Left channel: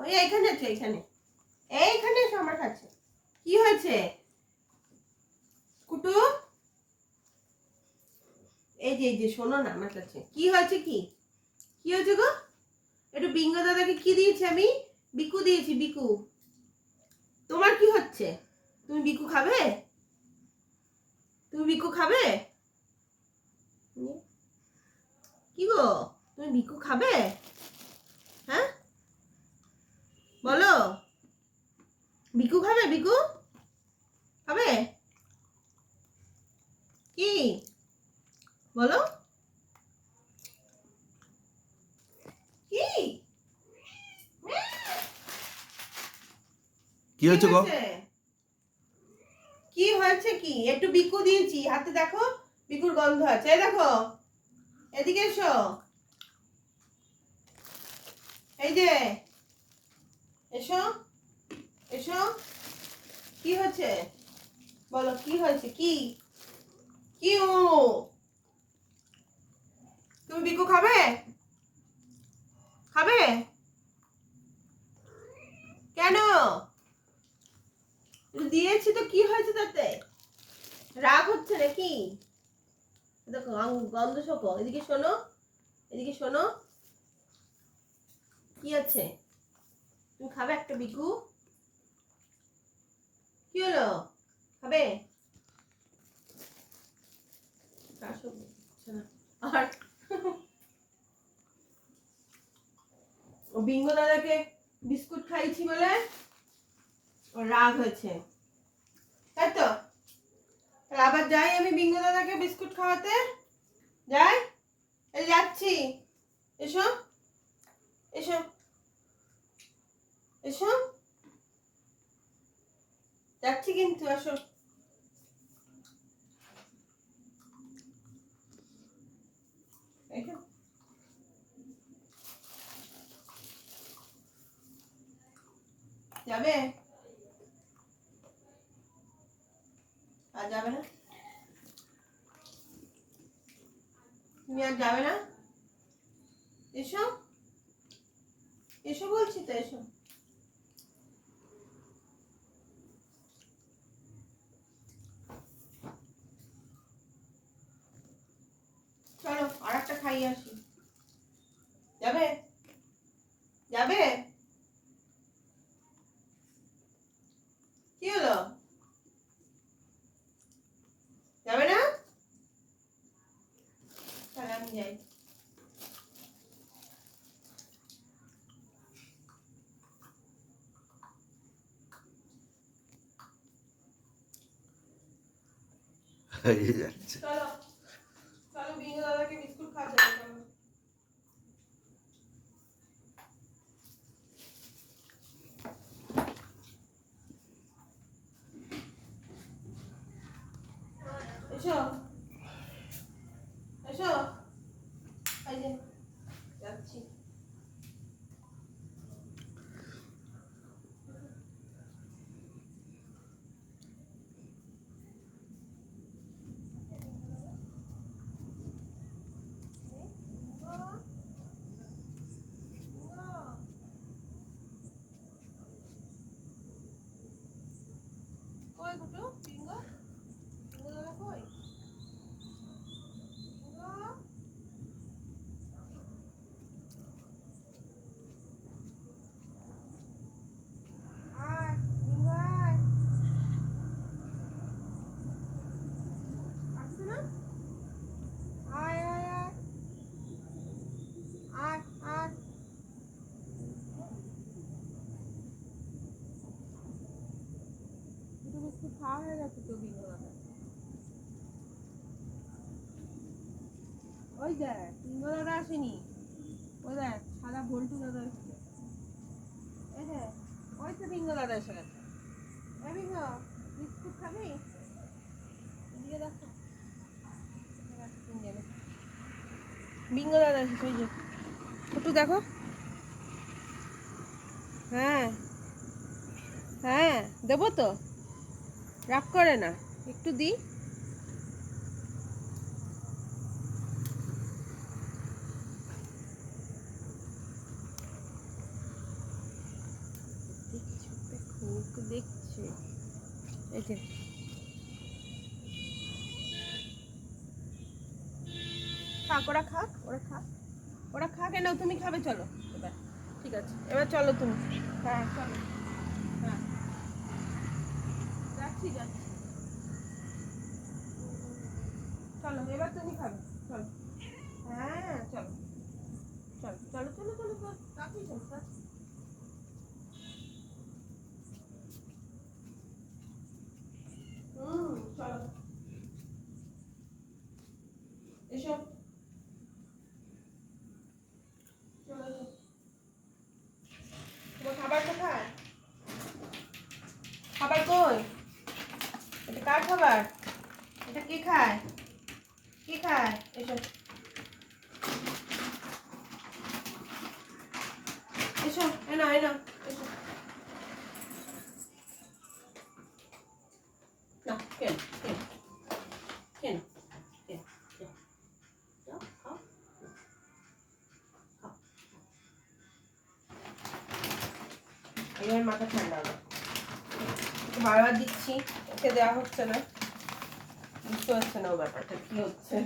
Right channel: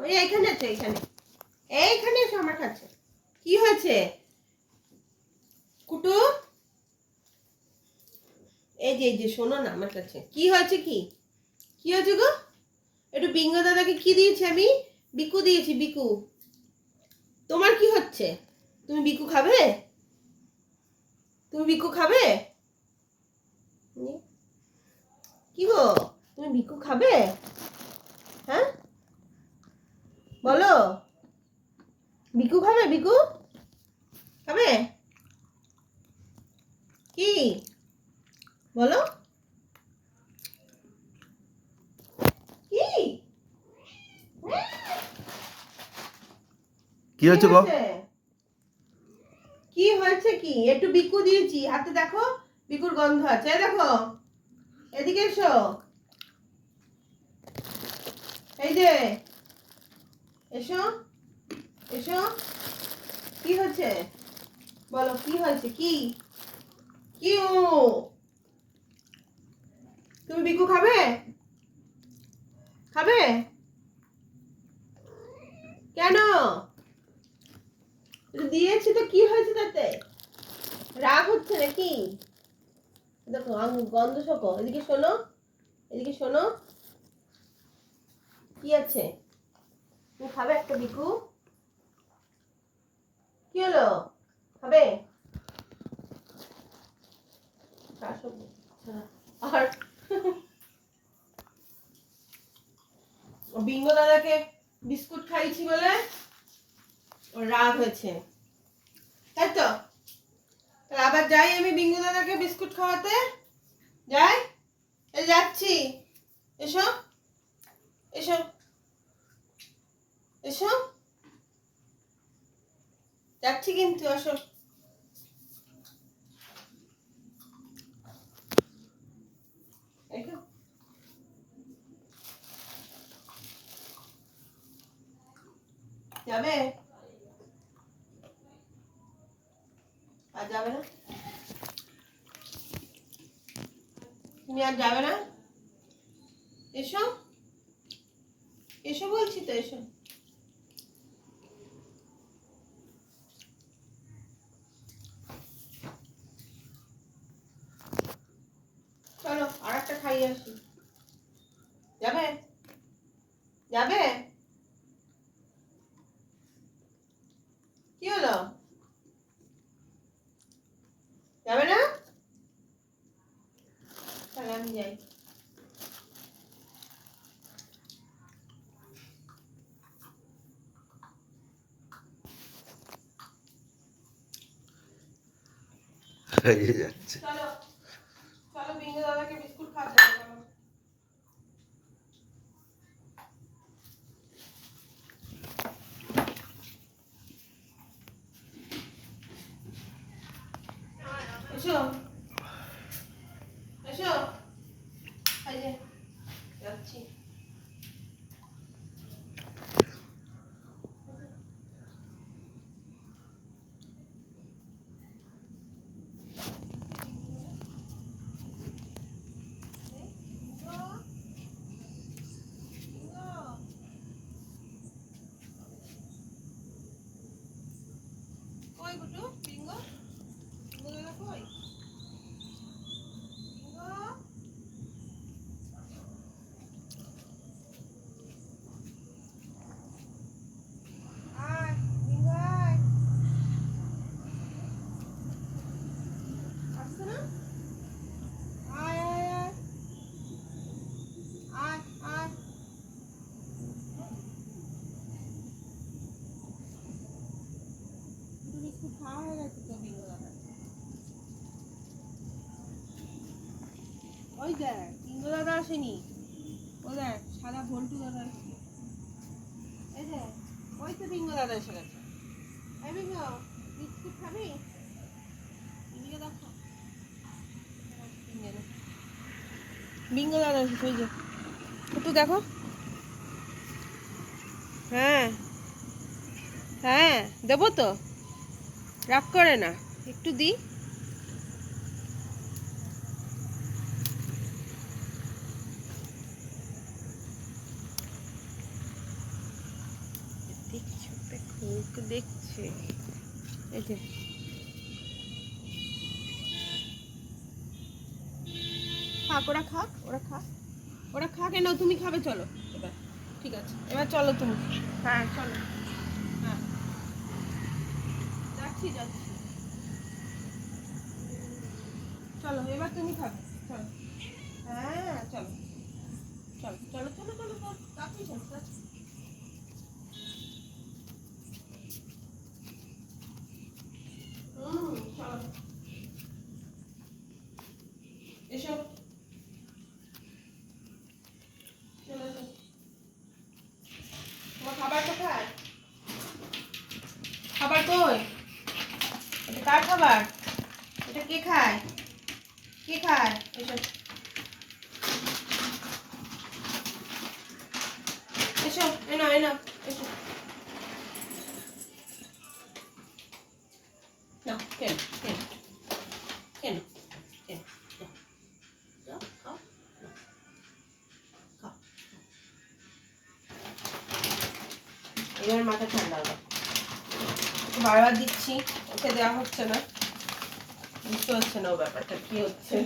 ওই এইখানে আছে, এইখানে। এইখানে এসো আমার কাছে। কি হয়েছে? কুটু? এই যে এই যে, শোনো না আমার কাছে। কি হয়েছে কি? কি হয়েছে গো? একটু বিঙ্গ দাদাকে কি দিয়েছি আমি? বিকু দিয়েছি, বিকু। তোমার কি হচ্ছে? তুমি বিকু খাবে? তুমি বিকু খাবে? কি গো? তুমি বিকু খাবে হ্যাঁ বলো বিকু? খাবে কি? বলো। কি? হয়েছে গো? কি হয়েছে? কি একটু বিকু দিয়েছি। হাতে দেখো বিকুর গন্ধ আছে। দেখো এদিকে এসো। এই যে এসো এসো। কি হয়েছে? বলো, কি হয়েছে? কি? কি তুমি বিকু খাবে? খাবে? কেন? দিয়েছি তো, কি হয়েছে তাতে? রাগ হচ্ছে নাকি? দেখো গন্ধ শোকো। এদিকে শোনো এদিকে শোনো। কি আছে? তুমি খাবে একটা বিকু? কি হলো শাসক। আর দাদাকে বিস্কুট খাইছি বলে রাগ হয়েছে। তাই তো? আবার যাই আমি বিঙ্গু দাদাকে বিস্কুট খাওয়াতে? যাই? যাচ্ছি। এসো। এসো। এসো। যাচ্ছি কিন্তু আসো। যাবে? আর যাবে না? তুমি আর যাবে না? এসো। এসো বলছি তো, এসো চলো খাইয়ে আসি। যাবে? যাবে? কি হলো? যাবে না? তাহলে আমি যাই। যাচ্ছে। চলো বিঙ্গু দাদাকে বিস্কুট খাওয়া যাবে চলো এসো। এসো। যাচ্ছি কই গুটু বিঙ্গো বিঙ্গো দাদা কই বিঙ্গো আয় বিঙ্গো আয় আসছে না আয় আয় আয় আয় দুটো বিস্কুট খাওয়া হয়ে গেছে তো বিঙ্গো দাদা ওই দেখ দাদা আসেনি। ওই দেখ, সাদা দাদা ওই তো দাদা এসে গেছে। এই বিস্কুট খাবি? এদিকে দেখো দাদা যে। একটু দেখো। হ্যাঁ। হ্যাঁ দেবো তো। রাগ করে না। একটু দিই ওকে দেখছে এই যে ওরা খাক ওরা খাক ওরা খাক এ নাও তুমি খাবে চলো এবার ঠিক আছে এবার চলো তুমি হ্যাঁ চলো হ্যাঁ চলো এবার তুমি খাবে চলো হ্যাঁ চলো চলো চলো চলো চলো চলো চলো তাড়াতাড়ি। হুম চলো এসো। চলো এসো। তোমার খাবার কোথায়? খাবার কই? এটা কার খাবার? এটা কে খায়? কে খায়? এসো। এসো এনো এনো এসো। না কেন কেন কেন এবার মাথা ঠান্ডা ওকে বারবার দিচ্ছি, ওকে দেওয়া হচ্ছে না। বুঝতে হচ্ছে না ও ব্যাপারটা, কি হচ্ছে?